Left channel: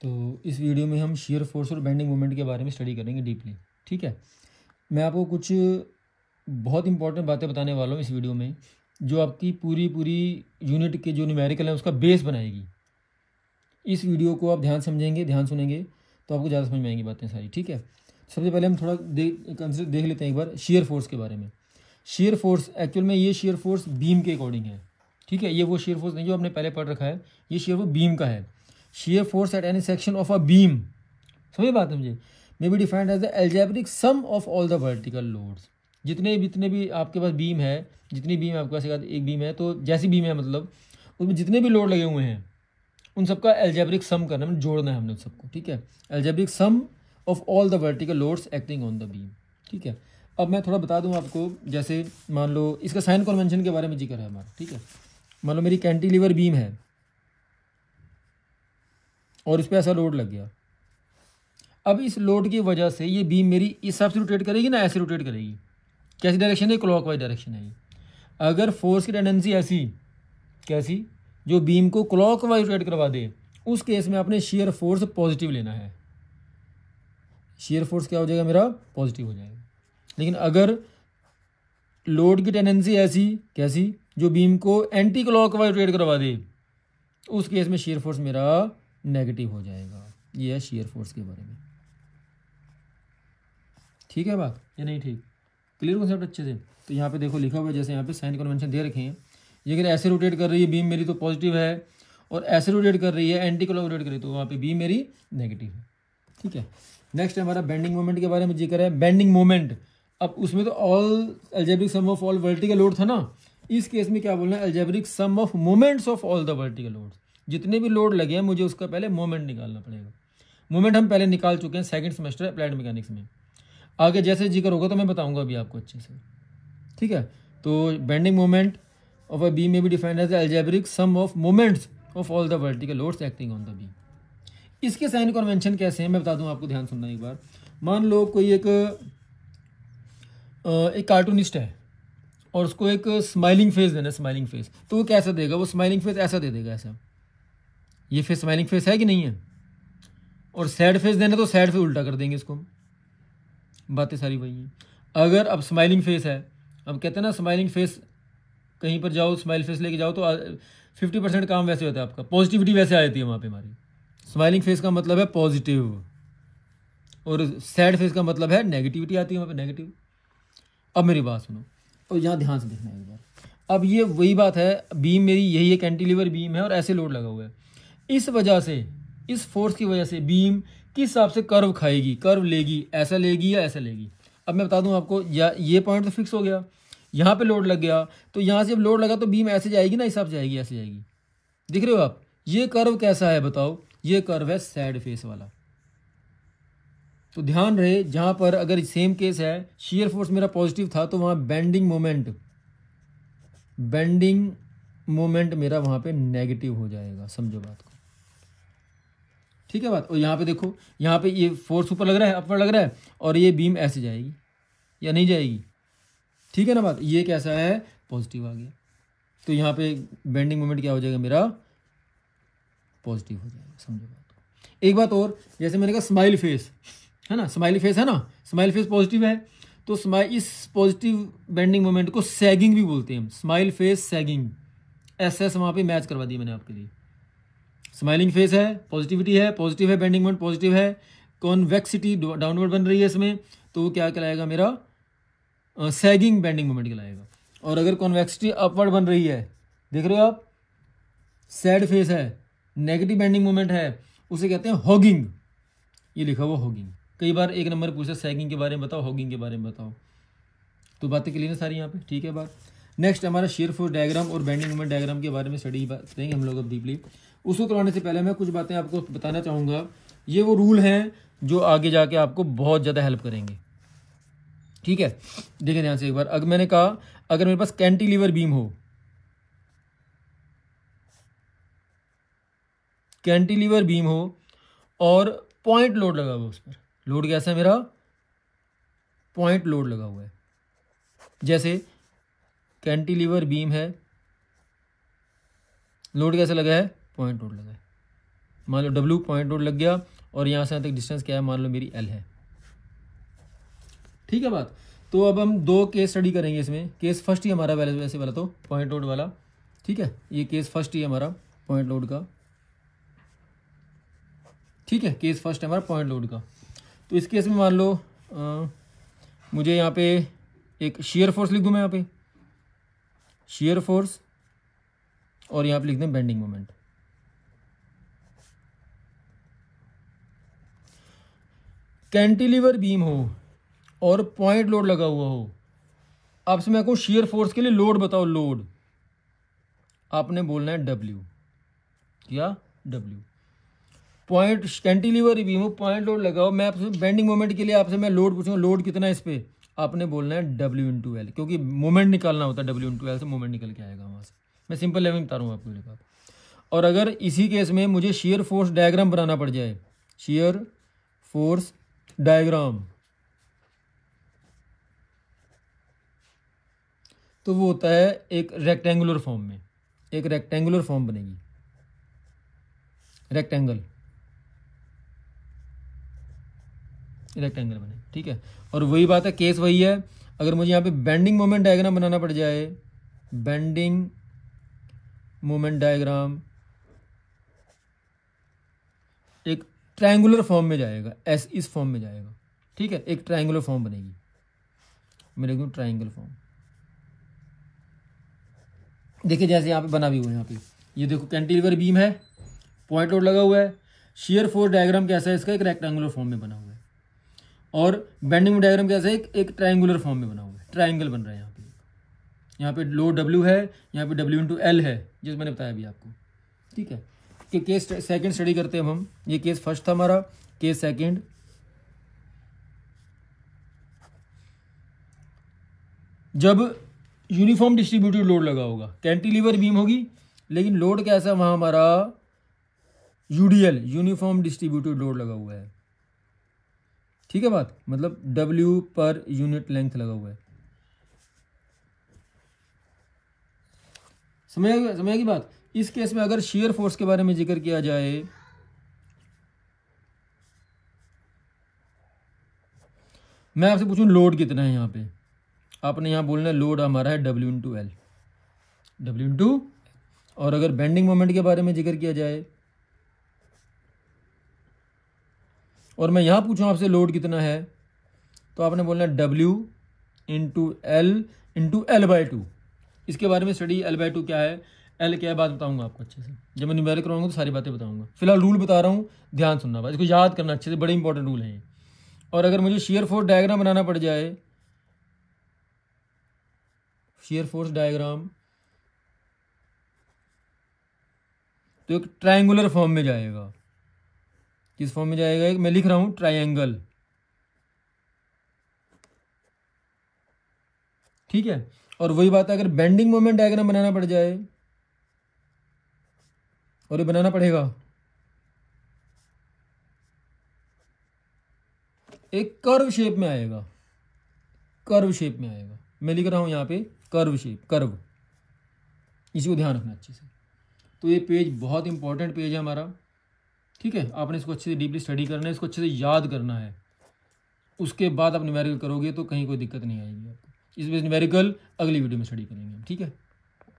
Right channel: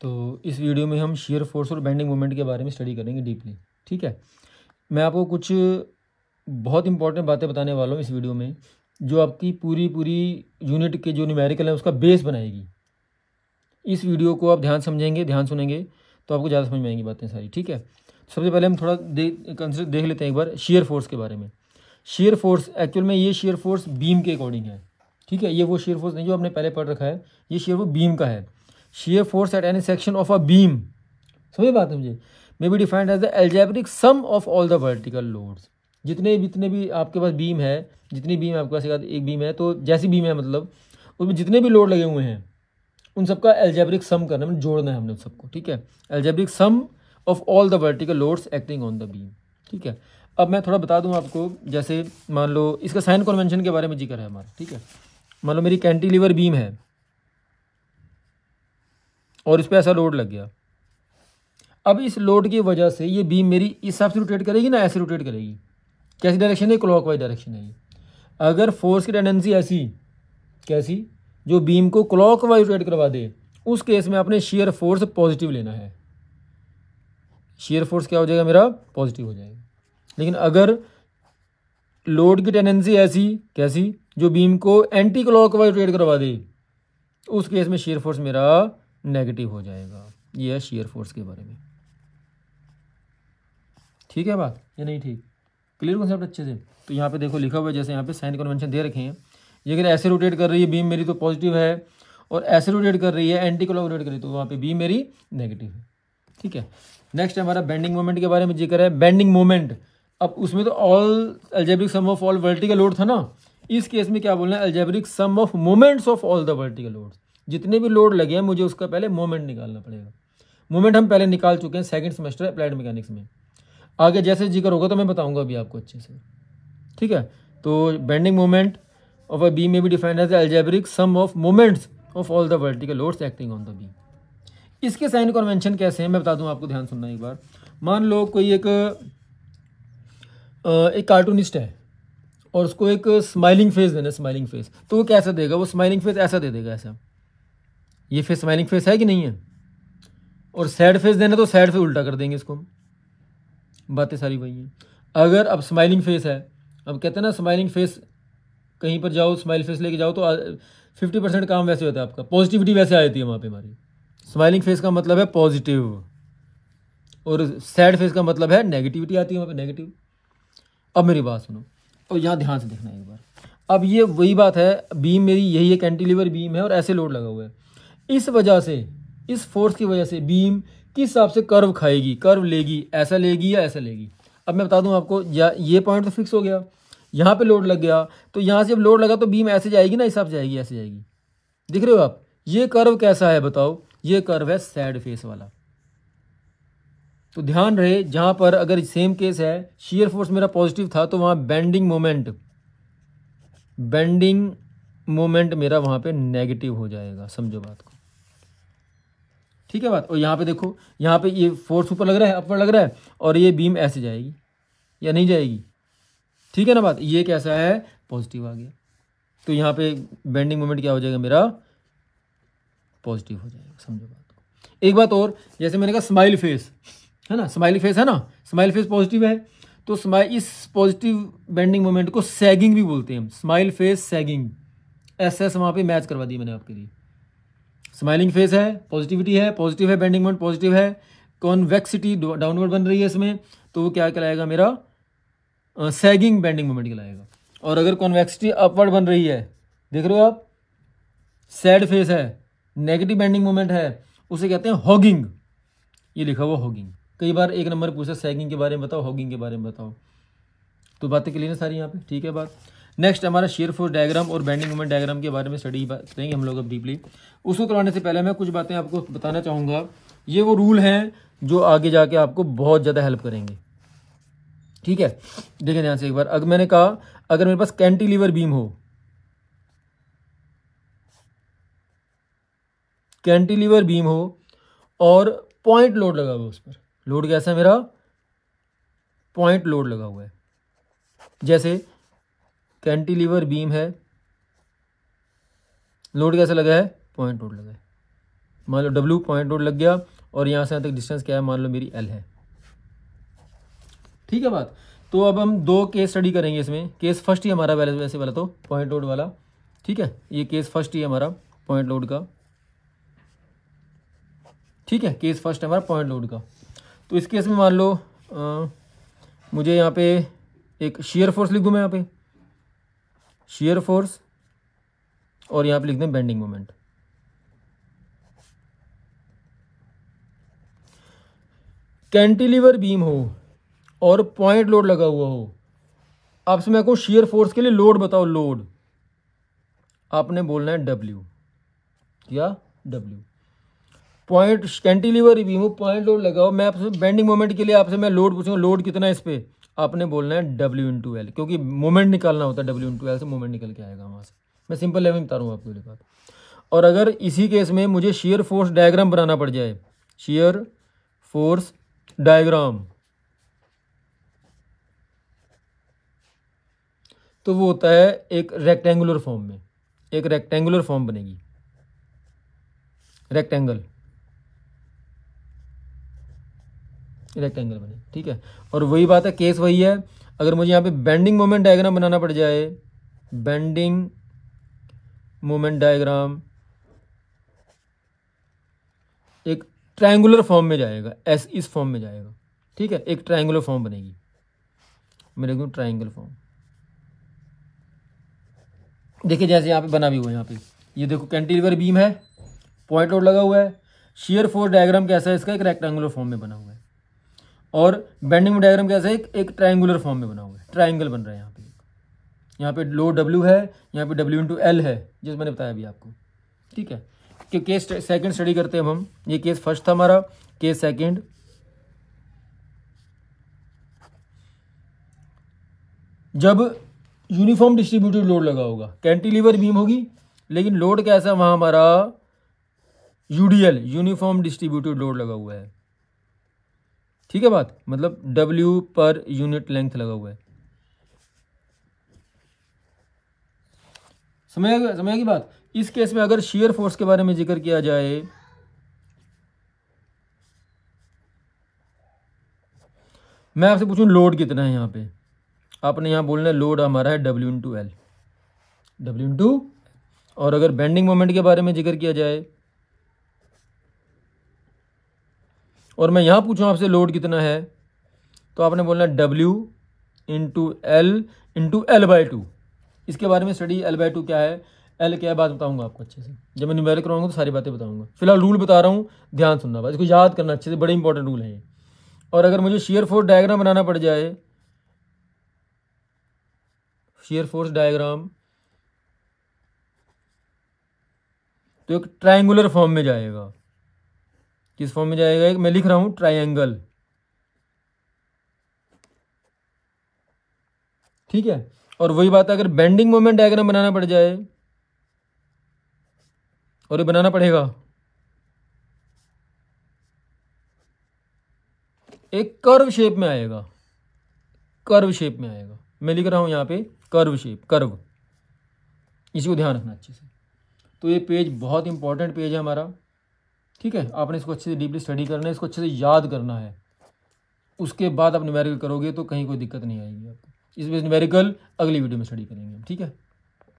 तो इस वीडियो में हम शियर फोर्स और बेंडिंग मोमेंट के बारे में स्टडी करेंगे डीपली। ठीक है, मैं आपको कुछ बहुत इंपॉर्टेंट बातें बताने वाला हूँ इस वीडियो में, जो आपकी पूरी यूनिट के जो न्यूमेरिकल है उसका बेस बनाएगी। इस वीडियो को आप ध्यान समझेंगे, ध्यान सुनेंगे तो आपको ज़्यादा समझ में आएंगी बातें सारी। ठीक है, सबसे पहले हम थोड़ा देख लेते हैं एक बार शियर फोर्स के बारे में। शियर फोर्स एक्चुअल में ये शियर फोर्स बीम के अकॉर्डिंग है। ठीक है, ये वो शियर फोर्स नहीं जो आपने पहले पढ़ रखा है, ये शियर फोर्स बीम का है। Shear force at any section of a beam, समझिए बात समझे, may be defined as the algebraic sum of all the vertical loads. जितने भी आपके पास बीम है, जितनी बीम आपके पास एक बीम है, तो जैसी बीम है मतलब उसमें जितने भी लोड लगे हुए हैं उन सबका एल्जेब्रिक सम करना, मतलब जोड़ना है हमने उन सबको। ठीक है, algebraic sum of all the vertical loads acting on the beam. ठीक है, अब मैं थोड़ा बता दूं आपको, जैसे मान लो इसका साइन कन्वेंशन के बारे में जिक्र है हमारा। ठीक है, मान लो मेरी कैंटिलीवर बीम है और इस पर ऐसा लोड लग गया। अब इस लोड की वजह से ये बीम मेरी इस हिसाब से रोटेट करेगी ना, ऐसे रोटेट करेगी। कैसी डायरेक्शन है? क्लॉकवाइज डायरेक्शन है। अगर फोर्स की टेंडेंसी ऐसी कैसी, जो बीम को क्लॉकवाइज रोटेट करवा दे, उस केस में आपने शियर फोर्स पॉजिटिव लेना है। शियर फोर्स क्या हो जाएगा मेरा? पॉजिटिव हो जाएगा। लेकिन अगर लोड की टेंडेंसी ऐसी कैसी, जो बीम को एंटी क्लॉकवाइज रोटेट करवा दे, उस केस में शियर फोर्स मेरा नेगेटिव हो जाएगा। ये है शियर फोर्स के बारे में। ठीक है बात या नहीं? ठीक, क्लियर कॉन्सेप्ट अच्छे से? तो यहाँ पे देखो लिखा हुआ है, जैसे यहाँ पे साइन कन्वेंशन दे रखे हैं। ये अगर ऐसे रोटेट कर रही है बीम मेरी तो पॉजिटिव है, और ऐसे रोटेट कर रही है एंटी क्लॉक रोटेट कर रही है तो वहाँ पे बीम मेरी नेगेटिव है। ठीक है, नेक्स्ट हमारा बेंडिंग मोमेंट के बारे में जिक्र है। बेंडिंग मोमेंट, अब उसमें तो all algebraic sum of all vertical load था ना, इस केस में क्या बोलना है? Algebraic sum of moments of all the vertical load. जितने भी लोड लगे हैं मुझे उसका पहले मोमेंट निकालना पड़ेगा। मोमेंट हम पहले निकाल चुके हैं सेकंड सेमेस्टर अप्लाइड मैकेनिक्स में। आगे जैसे जिक्र होगा तो मैं बताऊंगा अभी आपको अच्छे से। ठीक है, तो bending moment of a beam में भी defined as algebraic sum of moments of all the vertical loads acting on the beam. इसके साइन कन्वेंशन कैसे हैं मैं बता दूं आपको, ध्यान सुनना एक बार। मान लो कोई एक कार्टूनिस्ट है और उसको एक स्माइलिंग फेस देना, स्माइलिंग फेस, तो वो कैसा देगा? वो स्माइलिंग फेस ऐसा दे देगा, ऐसा। ये फेस स्माइलिंग फेस है कि नहीं है? और सैड फेस देना तो सैड फेस उल्टा कर देंगे इसको। बातें सारी वही है। अगर अब स्माइलिंग फेस है, अब कहते हैं ना स्माइलिंग फेस, कहीं पर जाओ स्माइल फेस लेके जाओ तो 50% काम वैसे होता है आपका, पॉजिटिविटी वैसे आ जाती है वहाँ पे हमारी। स्माइलिंग फेस का मतलब है पॉजिटिव, और सैड फेस का मतलब है नेगेटिविटी आती है वहाँ पे, नेगेटिव। अब मेरी बात सुनो और यहाँ ध्यान से देखना एक बार। अब ये वही बात है, बीम मेरी यही है, कैंटिलीवर बीम है और ऐसे लोड लगा हुआ है। इस वजह से, इस फोर्स की वजह से बीम किस हिसाब से कर्व खाएगी, कर्व लेगी, ऐसा लेगी या ऐसा लेगी। अब मैं बता दूं आपको, या ये पॉइंट तो फिक्स हो गया, यहाँ पे लोड लग गया तो यहाँ से जब लोड लगा तो बीम ऐसे जाएगी ना, इस हिसाब से जाएगी, ऐसे जाएगी। दिख रहे हो आप? ये कर्व कैसा है बताओ? ये कर्व है सैड फेस वाला। तो ध्यान रहे, जहां पर अगर सेम केस है, शियर फोर्स मेरा पॉजिटिव था तो वहां बेंडिंग मोमेंट मेरा वहां पे नेगेटिव हो जाएगा। समझो बात को, ठीक है बात? और यहाँ पे देखो, यहाँ पे ये फोर्स ऊपर लग रहा है, अपर लग रहा है, और ये बीम ऐसे जाएगी या नहीं जाएगी? ठीक है ना बात? ये कैसा है? पॉजिटिव आ गया, तो यहाँ पे बेंडिंग मोमेंट क्या हो जाएगा मेरा? पॉजिटिव हो जाएगा। समझो बात। एक बात और, जैसे मैंने कहा स्माइल फेस है ना, स्माइल फेस है ना, स्माइल फेस पॉजिटिव है, तो इस पॉजिटिव बेंडिंग मोमेंट को सैगिंग भी बोलते हैं हम, स्माइल फेस सैगिंग। एस वहां पे मैच करवा दी मैंने आपके लिए। स्माइलिंग फेस है, पॉजिटिविटी है, पॉजिटिव है, बेंडिंग मोमेंट पॉजिटिव है, कॉन्वेक्सिटी डाउनवर्ड बन रही है इसमें, तो वो क्या कहलाएगा मेरा? सैगिंग बेंडिंग मोमेंट कहलाएगा। और अगर कॉन्वेक्सिटी अपवर्ड बन रही है, देख रहे हो आप, सैड फेस है, नेगेटिव बेंडिंग मोमेंट है, उसे कहते हैं हॉगिंग। ये लिखा हुआ हॉगिंग। कई बार एक नंबर पूछा सैगिंग के बारे में बताओ, हॉगिंग के बारे में बताओ, तो बातें क्लियर है सारी यहाँ पे। ठीक है बात। नेक्स्ट हमारा शियर फोर्स डायग्राम और बेंडिंग मोमेंट डायग्राम के बारे में स्टडी करेंगे हम लोग अब डीपली। उसको करवाने से पहले मैं कुछ बातें आपको बताना चाहूँगा। ये वो रूल हैं जो आगे जाके आपको बहुत ज़्यादा हेल्प करेंगे। ठीक है, देखिए ध्यान से एक बार। अगर मैंने कहा, अगर मेरे पास कैंटिलीवर बीम हो, कैंटिलीवर बीम हो और पॉइंट लोड लगा हुआ है उस पर, लोड कैसा है मेरा? पॉइंट लोड लगा हुआ है। जैसे कैंटिलीवर बीम है, लोड कैसे लगा है? पॉइंट लोड लगा है। मान लो W पॉइंट लोड लग गया और यहाँ से यहाँ तक डिस्टेंस क्या है, मान लो मेरी L है। ठीक है बात। तो अब हम 2 केस स्टडी करेंगे इसमें। केस फर्स्ट ही हमारा वैसे वाला तो पॉइंट लोड वाला, ठीक है, ये केस फर्स्ट ही हमारा पॉइंट लोड का, ठीक है, केस फर्स्ट है हमारा पॉइंट लोड का। तो इस केस में मान लो मुझे यहाँ पे एक शियर फोर्स लिख दूँ मैं, यहाँ पे शियर फोर्स, और यहाँ पे लिख दें बेंडिंग मोमेंट। कैंटिलीवर बीम हो और पॉइंट लोड लगा हुआ हो, आपसे मैं कहूँ शियर फोर्स के लिए लोड बताओ, लोड आपने बोलना है W या W। पॉइंट कैंटिलीवर बीम हो, पॉइंट लोड लगाओ, मैं आपसे बेंडिंग मोमेंट के लिए आपसे मैं लोड पूछूंगा, लोड कितना है इस पे, आपने बोलना है W/L, क्योंकि मोमेंट निकालना होता है, W/L से मोमेंट निकल के आएगा वहां से। मैं सिंपल लेवल में बता रहा हूँ आपको ये बात। और अगर इसी केस में मुझे शियर फोर्स डायग्राम बनाना पड़ जाए, शियर फोर्स डायग्राम, तो वो होता है एक रेक्टेंगुलर फॉर्म में, एक रेक्टेंगुलर फॉर्म बनेगी, रेक्टेंगल बने, ठीक है। और वही बात है, केस वही है। अगर मुझे यहाँ पे बेंडिंग मोमेंट डायग्राम बनाना पड़ जाए, बेंडिंग मोमेंट डायग्राम एक ट्रायंगुलर फॉर्म में जाएगा, इस फॉर्म में जाएगा, ठीक है, एक ट्रायंगुलर फॉर्म बनेगी, मैं लिख दूं ट्रायंगल फॉर्म। देखिए जैसे यहाँ पे बना भी हुआ है, यहाँ पे ये देखो कैंटिलीवर बीम है, पॉइंट लोड लगा हुआ है, शियर फोर्स डायग्राम कैसा है इसका, एक रेक्टेंगुलर फॉर्म में बना हुआ है, और बेंडिंग डायग्राम कैसा है, एक ट्रायंगुलर फॉर्म में बना हुआ है, ट्रायंगल बन रहा है। यहाँ पे लोड W है, यहाँ पे W/L है, जैसे मैंने बताया अभी आपको, ठीक है। कि केस सेकंड स्टडी करते हैं हम, ये केस फर्स्ट था हमारा, केस सेकंड। जब यूनिफॉर्म डिस्ट्रीब्यूटेड लोड लगा होगा, कैंटिलीवर बीम होगी, लेकिन लोड कैसा वहां हमारा UDL, यूनिफॉर्म डिस्ट्रीब्यूटेड लोड लगा हुआ है, ठीक है बात, मतलब W पर यूनिट लेंथ लगा हुआ है। समझ की बात। इस केस में अगर शियर फोर्स के बारे में जिक्र किया जाए, मैं आपसे पूछूं लोड कितना है यहाँ पे, आपने यहाँ बोलना है लोड हमारा है W/L, और अगर बेंडिंग मोमेंट के बारे में जिक्र किया जाए और मैं यहाँ पूछूं आपसे लोड कितना है, तो आपने बोलना है W/L/L/2। इसके बारे में स्टडी L/2 क्या है, L क्या है, बात बताऊंगा आपको अच्छे से, जब मैं न्यूमेरिकल कराऊंगा तो सारी बातें बताऊंगा। फिलहाल रूल बता रहा हूँ, ध्यान सुनना बात, इसको याद करना अच्छे से, बड़े इंपॉर्टेंट रूल है ये। और अगर मुझे शियर फोर्स डायग्राम बनाना पड़ जाए, शियर फोर्स डायग्राम, तो एक ट्रायंगुलर फॉर्म में जाएगा। किस फॉर्म में जाएगा, एक मैं लिख रहा हूं ट्रायंगल, ठीक है। और वही बात है, अगर बेंडिंग मोमेंट डायग्राम बनाना पड़ जाए, और ये बनाना पड़ेगा, एक कर्व शेप में आएगा, कर्व शेप में आएगा, मैं लिख रहा हूं यहां पे कर्व शेप, कर्व, इसी को ध्यान रखना अच्छे से। तो ये पेज बहुत इंपॉर्टेंट पेज है हमारा, ठीक है। आपने इसको अच्छे से डीपली स्टडी करना है, इसको अच्छे से याद करना है, उसके बाद आप न्यूमेरिकल करोगे तो कहीं कोई दिक्कत नहीं आएगी आपको। इस न्यूमेरिकल अगली वीडियो में स्टडी करेंगे, ठीक है।